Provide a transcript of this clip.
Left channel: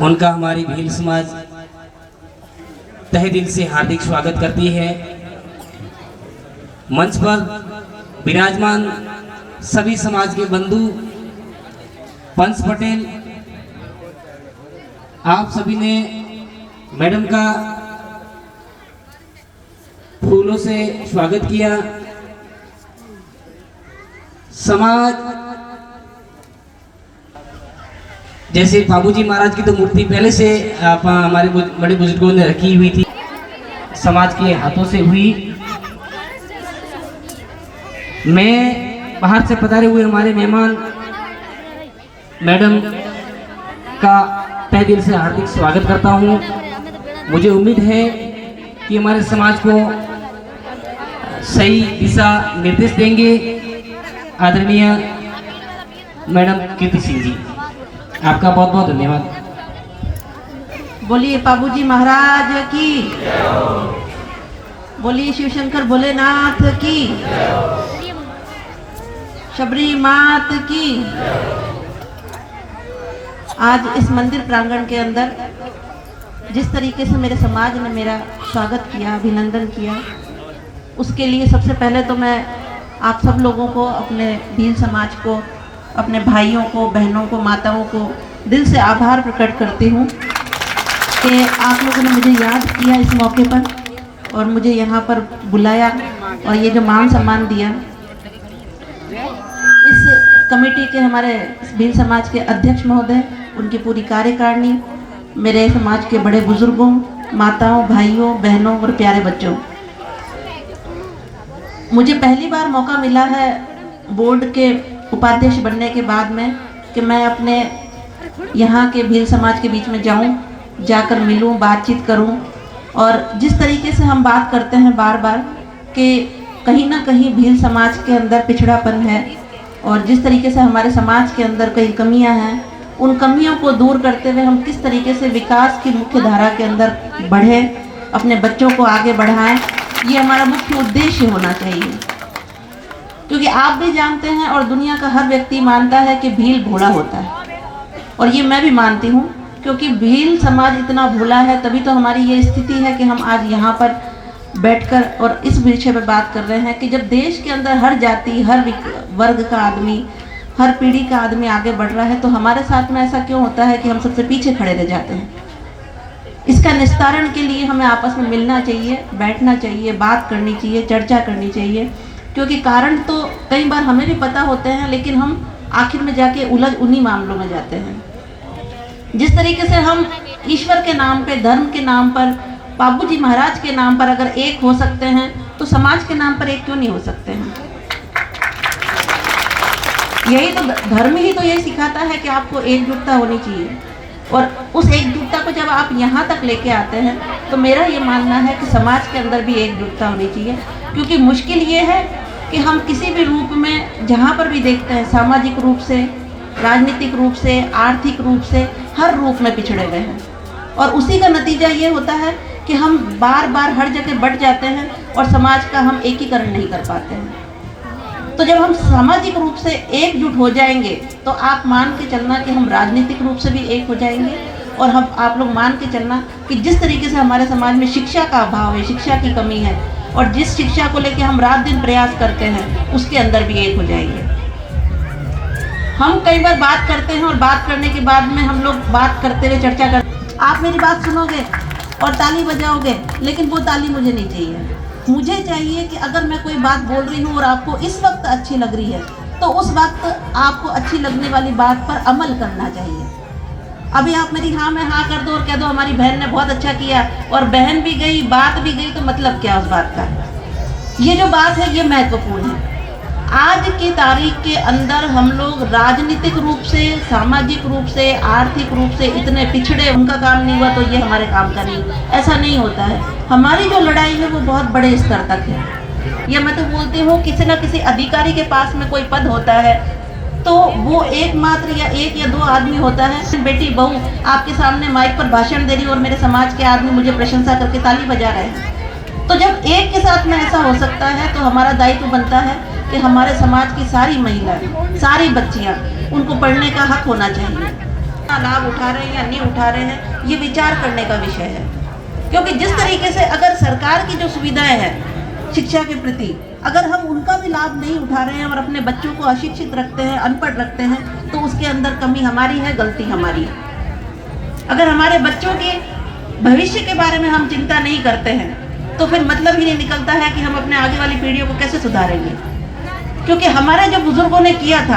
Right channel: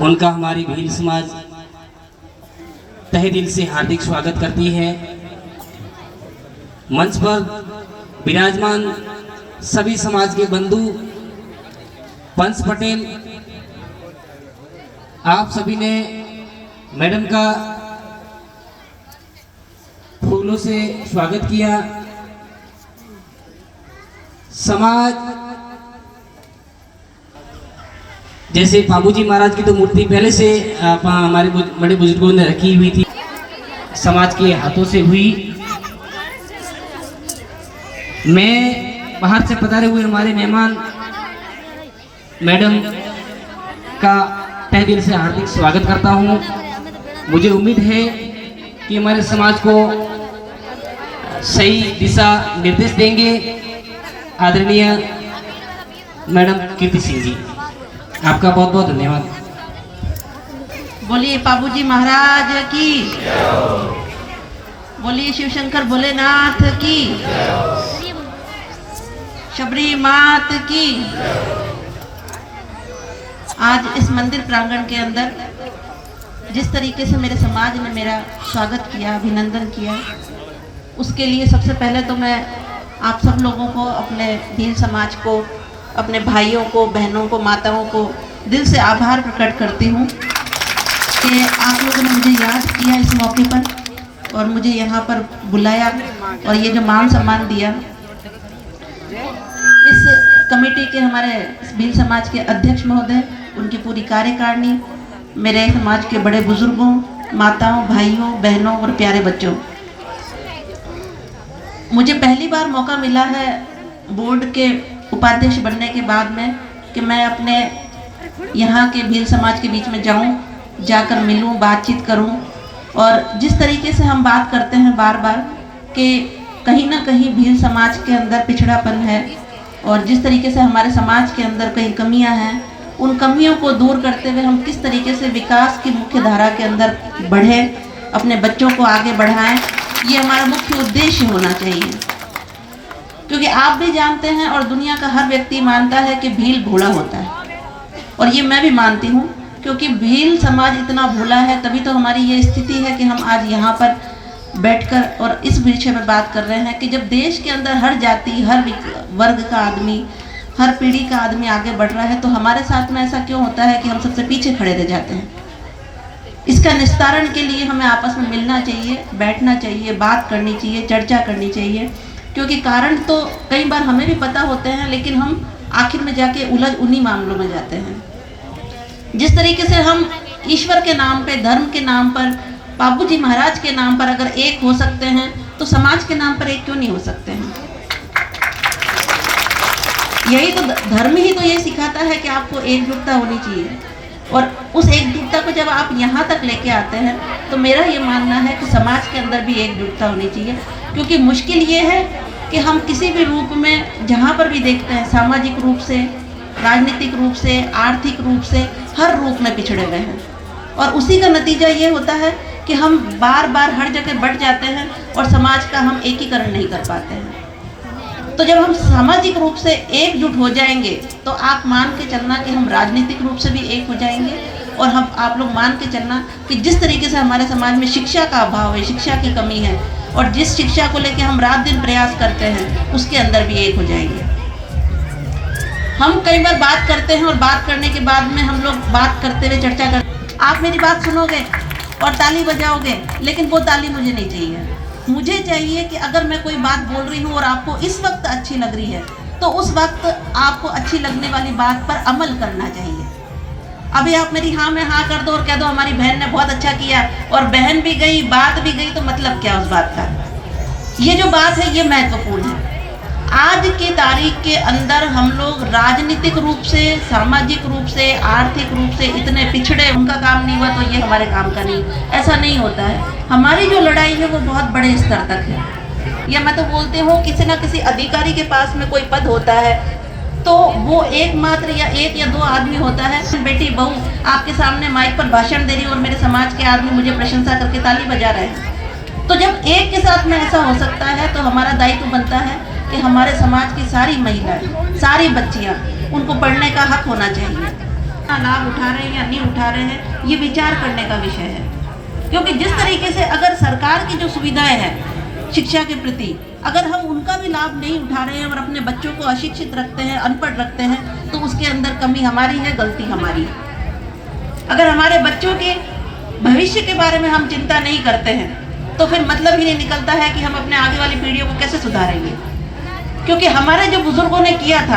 उनका हमारी भील समाज तहे दिल से हार्दिक स्वागत करती है। मंच पर विराजमान सभी समाज के बंधु, पंच पटेल, आप सभी ने मैडम का फूलों से स्वागत किया। समाज जैसे बाबूजी महाराज की तो मूर्ति पहले से हमारे बड़े बुजुर्गों ने रखी हुई थी, समाज के हाथों से हुई। मैं बाहर से पधारे हुए हमारे मेहमान मैडम का तहे दिल से हार्दिक स्वागत करता हूं। मुझे उम्मीद है कि हमारे समाज को सही दिशा निर्देश देंगे आदरणीय मैडम कीर्ति सिंह जी। आपका बहुत बहुत धन्यवाद। बोलिए बाबूजी महाराज की, बोलिए शिवशंकर भोलेनाथ की, शबरी मात की। आज इस मंदिर प्रांगण के अंदर जिस तरीके से मेरे समाज ने मेरा स्वागत किया, अभिनंदन किया, उसके लिए सबसे पहले तो मैं आप सब लोगों को, अपने भील समाज को, अपने भाइयों को, बहनों को, माताओं को दिल से आभार प्रकट करती हूँ कि आप लोगों ने मुझे याद किया इस मौके पर और मुझे यहाँ पर बुलाया और ये जो मान सम्मान दिया। इस कमेटी के, हमारे भील समाज के अध्यक्ष महोदय, उनकी पूरी कार्यकारिणी, मेरे समाज के बड़े बुजुर्गों, माताओं, भाइयों, बहनों और प्यारे बच्चों, मुझे पहली बार मौका मिला है बोर्ड के उपाध्यक्ष बनने के बाद में कि मैं अपने यहाँ के भील समाज के बीच में जाऊँ, जाकर मिलूँ, बातचीत करूँ। और जिस तरीके से हम बात करते हैं बार बार कि कहीं ना कहीं भील समाज के अंदर पिछड़ापन है और जिस तरीके से हमारे समाज के अंदर कई कमियां हैं, उन कमियों को दूर करते हुए हम किस तरीके से विकास की मुख्य धारा के अंदर बढ़ें, अपने बच्चों को आगे बढ़ाएं, ये हमारा मुख्य उद्देश्य होना चाहिए। क्योंकि आप भी जानते हैं और दुनिया का हर व्यक्ति मानता है कि भील भोला होता है, और ये मैं भी मानती हूँ, क्योंकि भील समाज इतना भोला है, तभी तो हमारी ये स्थिति है कि हम आज यहाँ पर बैठकर और इस विषय पर बात कर रहे हैं कि जब देश के अंदर हर जाति, हर वर्ग का आदमी, हर पीढ़ी का आदमी आगे बढ़ रहा है, तो हमारे साथ में ऐसा क्यों होता है कि हम सबसे पीछे खड़े रह जाते हैं। इसका निस्तारण के लिए हमें आपस में मिलना चाहिए, बैठना चाहिए, बात करनी चाहिए, चर्चा करनी चाहिए, क्योंकि कारण तो कई बार हमें भी पता होते हैं, लेकिन हम आखिर में जाके उलझ उन्हीं मामलों में जाते हैं। जिस तरीके से हम ईश्वर के नाम पे, धर्म के नाम पर, बाबूजी महाराज के नाम पर अगर एक हो सकते हैं, तो समाज के नाम पर एक क्यों नहीं हो सकते हैं। यही तो धर्म ही तो यही सिखाता है कि आपको एकजुटता होनी चाहिए, और उस एकजुटता को जब आप यहाँ तक लेके आते हैं, तो मेरा ये मानना है कि समाज के अंदर भी एकजुटता होनी चाहिए। क्योंकि मुश्किल ये है कि हम किसी भी रूप में जहाँ पर भी देखते हैं, सामाजिक रूप से, राजनीतिक रूप से, आर्थिक रूप से, हर रूप में पिछड़े हुए हैं, और उसी का नतीजा ये होता है कि हम बार बार हर जगह बढ़ जाते हैं और समाज का हम एकीकरण नहीं कर पाते हैं। तो जब हम सामाजिक रूप से एकजुट हो जाएंगे, तो आप मान के चलना कि हम राजनीतिक रूप से भी एक हो जाएंगे, और हम आप लोग मान के चलना कि जिस तरीके से हमारे समाज में शिक्षा का अभाव है, शिक्षा की कमी है, और जिस शिक्षा को लेकर हम रात दिन प्रयास करते हैं, उसके अंदर भी एक हो जाएंगे। हम कई बार बात करते हैं और बात करने के बाद में हम लोग बात करते हुए चर्चा करते, आप मेरी बात सुनोगे और ताली बजाओगे, लेकिन वो ताली मुझे नहीं चाहिए। मुझे चाहिए कि अगर मैं कोई बात बोल रही हूँ और आपको इस वक्त अच्छी लग रही है, तो उस वक्त आपको अच्छी लगने वाली बात पर अमल करना चाहिए। अभी आप मेरी हाँ में हाँ कर दो और कह दो हमारी बहन ने बहुत अच्छा किया, और बहन भी गई, बात भी गई, तो मतलब क्या उस बात का। ये जो बात है, ये महत्वपूर्ण है। आज की तारीख के अंदर हम लोग राजनीतिक रूप से, सामाजिक रूप से, आर्थिक रूप से इतने पिछड़े, उनका काम नहीं हुआ तो ये हमारे काम का नहीं, ऐसा नहीं होता है। हमारी जो लड़ाई है वो बहुत बड़े स्तर तक है। या मैं तो बोलती हूँ, किसी ना किसी अधिकारी के पास में कोई पद होता है, तो वो एकमात्र या एक या दो आदमी होता है। बेटी बहू आपके सामने माइक पर भाषण दे रही और मेरे समाज के आदमी मुझे प्रशंसा करके ताली बजा रहे हैं, तो जब एक के साथ में ऐसा हो सकता है, तो हमारा दायित्व बनता है कि हमारे समाज की सारी महिलाएं, सारी बच्चियां, उनको पढ़ने का हक होना चाहिए। अपना लाभ उठा रहे हैं या नहीं उठा रहे हैं, ये विचार करने का विषय है। क्योंकि जिस तरीके से अगर सरकार की जो सुविधाएं हैं शिक्षा के प्रति, अगर हम उनका भी लाभ नहीं उठा रहे हैं और अपने बच्चों को अशिक्षित रखते हैं, अनपढ़ रखते हैं, तो उसके अंदर कमी हमारी है, गलती हमारी है। अगर हमारे बच्चों के भविष्य के बारे में हम चिंता नहीं करते हैं तो फिर मतलब ही नहीं निकलता है कि हम अपने आगे वाली पीढ़ियों को कैसे सुधारेंगे। क्योंकि हमारे जो बुजुर्गों ने किया था